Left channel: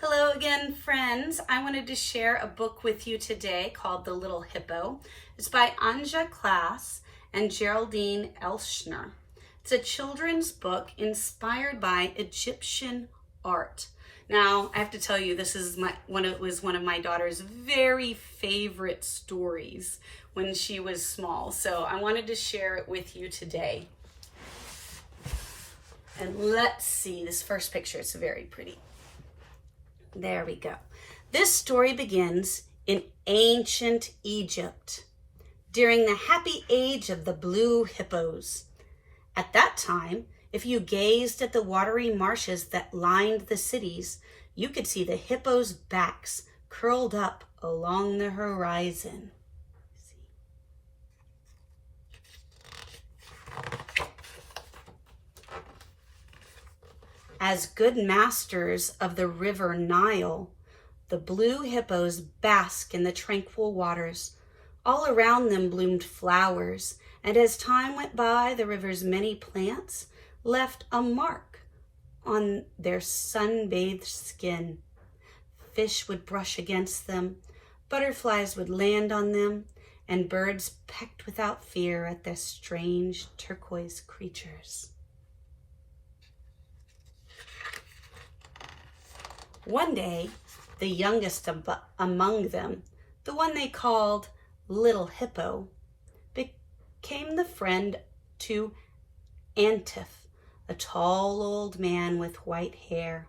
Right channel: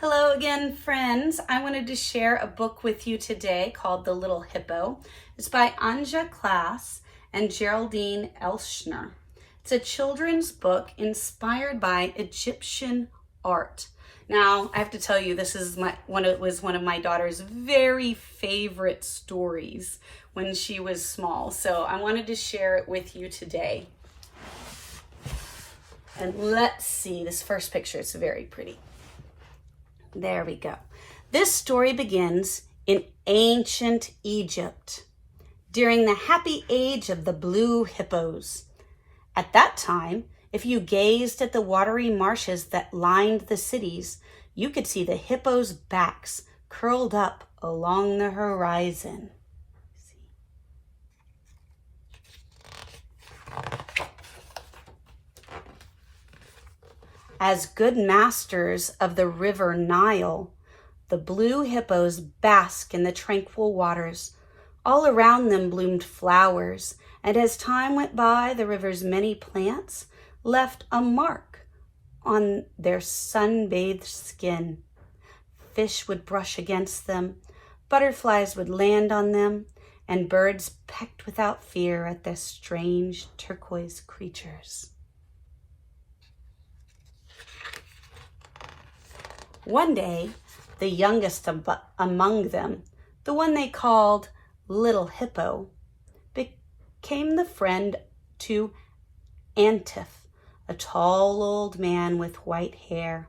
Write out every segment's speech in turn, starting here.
Hello again, friends. I wanted to share a book with you today called The Little Hippo. It's by Anja Klaas and Geraldine Elshner. It's a children's book inspired by Egyptian art. Now, I have to tell you, this is was one of my daughter's very favorite stories when she was small. So I wanted to share it with you today. And let's see, this first picture, it's very pretty. There we go. This story begins in ancient Egypt during the happy age of the blue hippos. At that time, if you gazed at the watery marshes that lined the cities, you could see the hippos' backs curled up along the horizon. As good masters of the river Nile, the blue hippos bask in the tranquil waters. All around them bloomed flowers, and as time went by, the river's many plants left a mark on their sun-bathed skin. Fish would brush against them, butterflies would land on them, and birds pecked without fear at the strange turquoise creatures. One day, the youngest among them, the one they called Little Hippo, became the friend to Antif, a tall old man with white hair.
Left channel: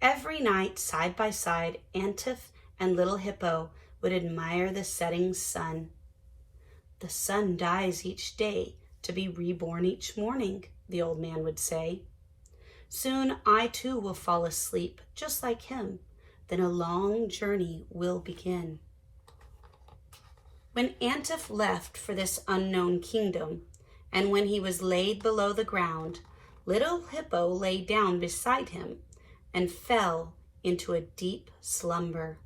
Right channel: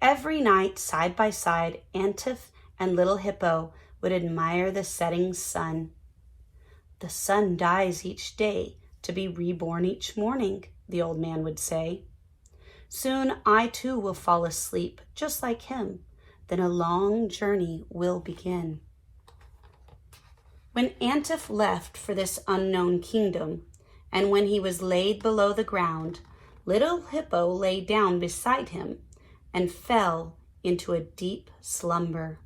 Every night, side by side, Antif and Little Hippo would admire the setting sun. The sun dies each day to be reborn each morning, the old man would say. Soon I too will fall asleep, just like him. Then a long journey will begin. When Antif left for this unknown kingdom, and when he was laid below the ground, Little Hippo lay down beside him and fell into a deep slumber.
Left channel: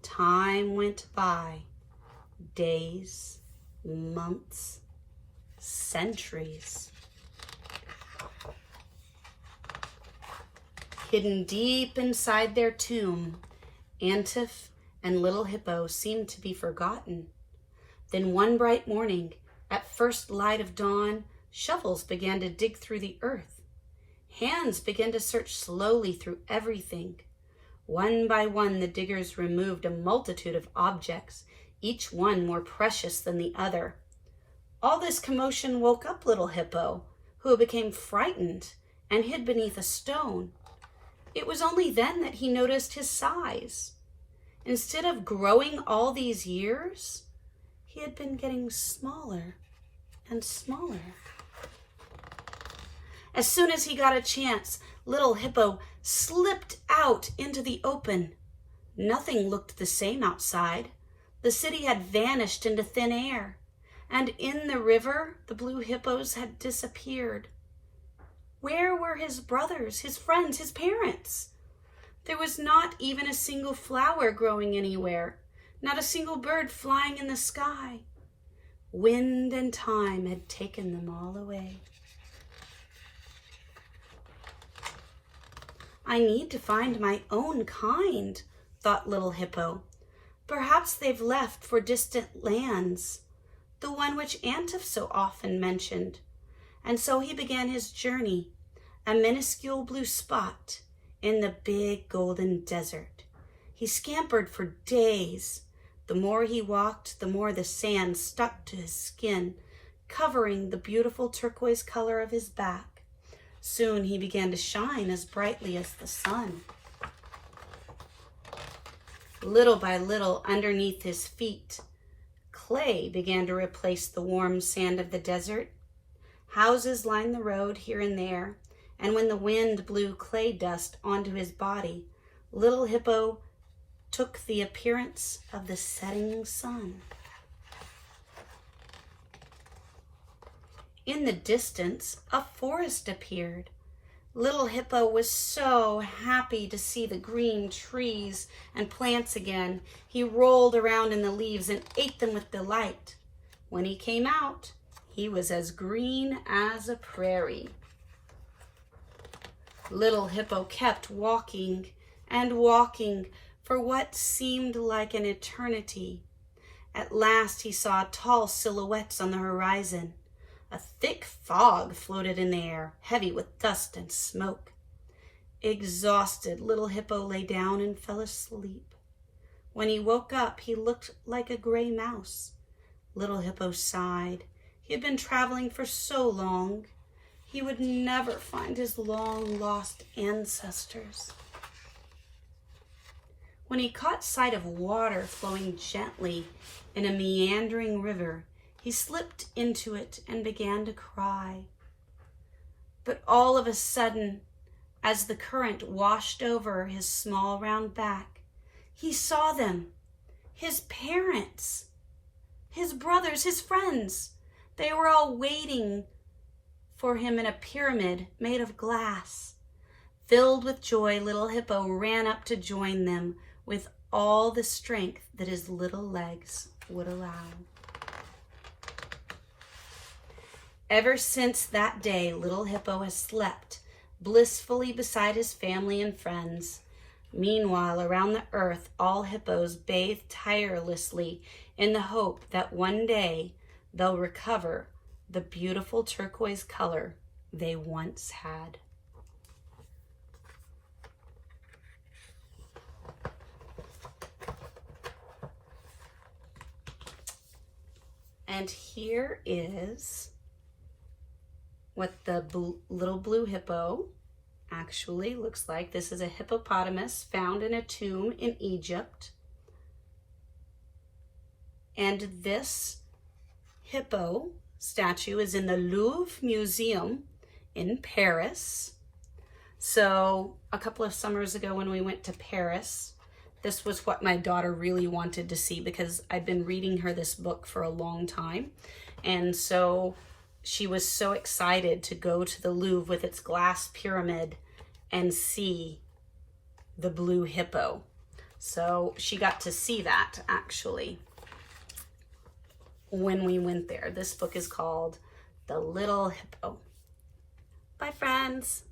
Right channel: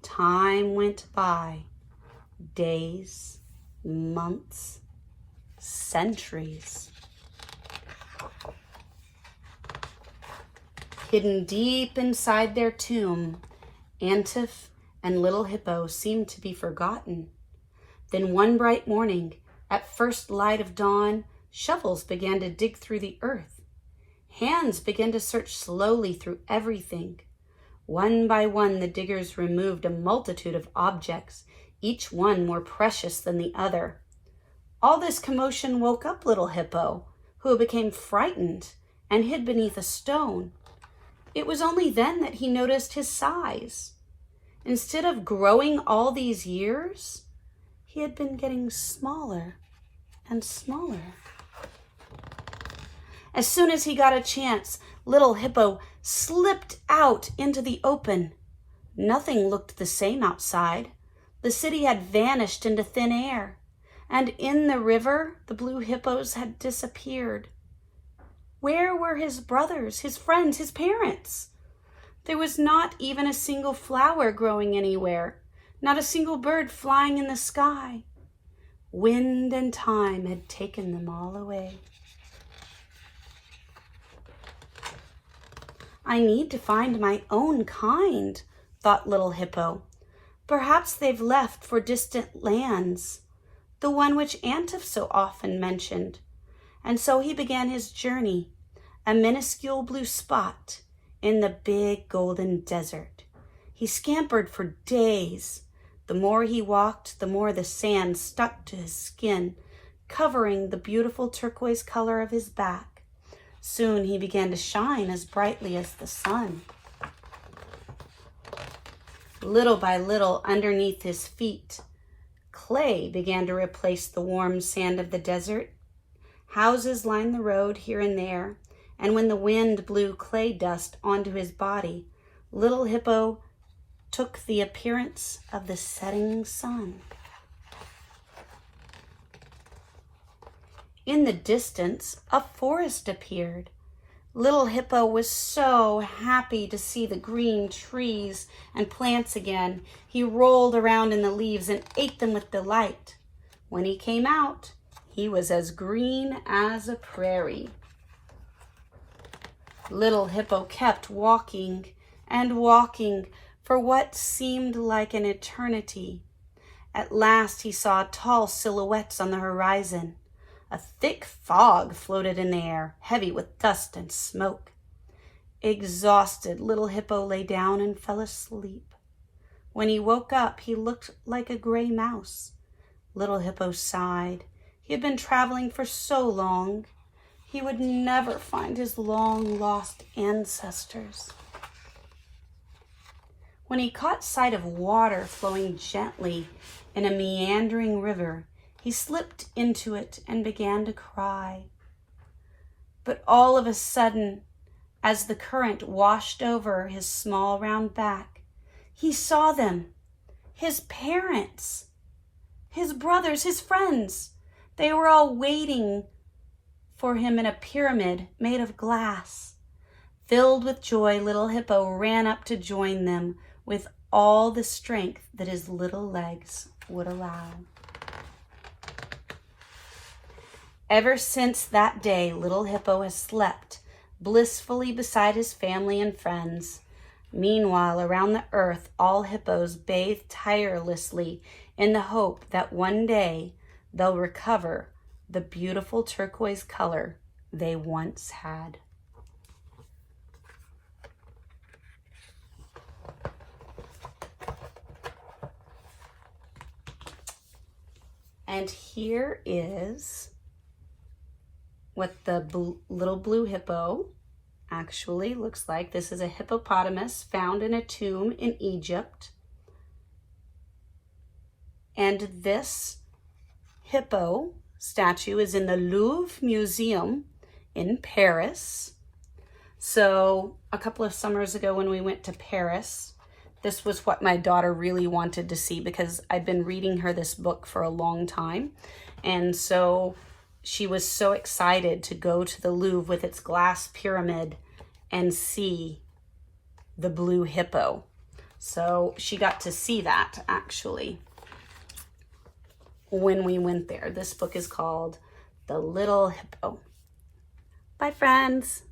Time went by, days, months, centuries. Hidden deep inside their tomb, Antif and Little Hippo seemed to be forgotten. Then one bright morning, at first light of dawn, shovels began to dig through the earth. Hands began to search slowly through everything. One by one, the diggers removed a multitude of objects, each one more precious than the other. All this commotion woke up Little Hippo, who became frightened and hid beneath a stone. It was only then that he noticed his size. Instead of growing all these years, he had been getting smaller and smaller. As soon as he got a chance, Little Hippo slipped out into the open. Nothing looked the same outside. The city had vanished into thin air, and in the river, the blue hippos had disappeared. Where were his brothers, his friends, his parents? There was not even a single flower growing anywhere, not a single bird flying in the sky. Wind and time had taken them all away. I need to find my own kind, thought Little Hippo. Perhaps they've left for distant lands, the one which Antif so often mentioned. And so he began his journey, a minuscule blue spot in the big golden desert. He scampered for days. The more he walked, the more the sand stuck to his skin, covering the beautiful turquoise color of his back. Soon he began to shine as brightly as the sun. Little by little, underneath his feet, clay began to replace the warm sand of the desert. Houses lined the road here and there, and when the wind blew clay dust onto his body, Little Hippo took the appearance of the setting sun. In the distance, a forest appeared. Little Hippo was so happy to see the green trees and plants again. He rolled around in the leaves and ate them with delight. When he came out, he was as green as a prairie. Little Hippo kept walking and walking for what seemed like an eternity. At last he saw tall silhouettes on the horizon. A thick fog floated in the air, heavy with dust and smoke. Exhausted, Little Hippo lay down and fell asleep. When he woke up, he looked like a gray mouse. Little Hippo sighed. He had been traveling for so long. He would never find his long-lost ancestors. When he caught sight of water flowing gently in a meandering river, he slipped into it and began to cry. But all of a sudden, as the current washed over his small round back, he saw them, his parents, his brothers, his friends. They were all waiting for him in a pyramid made of glass. Filled with joy, Little Hippo ran up to join them with all the strength that his little legs would allow. Ever since that day, Little Hippo has slept blissfully beside his family and friends. Meanwhile, around the earth, all hippos bathe tirelessly in the hope that one day they'll recover the beautiful turquoise color they once had. And here is what the little blue hippo actually looks like. This is a hippopotamus found in a tomb in Egypt. And this hippo statue is in the Louvre Museum in Paris. So a couple of summers ago when we went to Paris, this was what my daughter really wanted to see because I'd been reading her this book for a long time. And so she was so excited to go to the Louvre with its glass pyramid and see the blue hippo. So she got to see that actually when we went there. This book is called The Little Hippo. Bye, friends.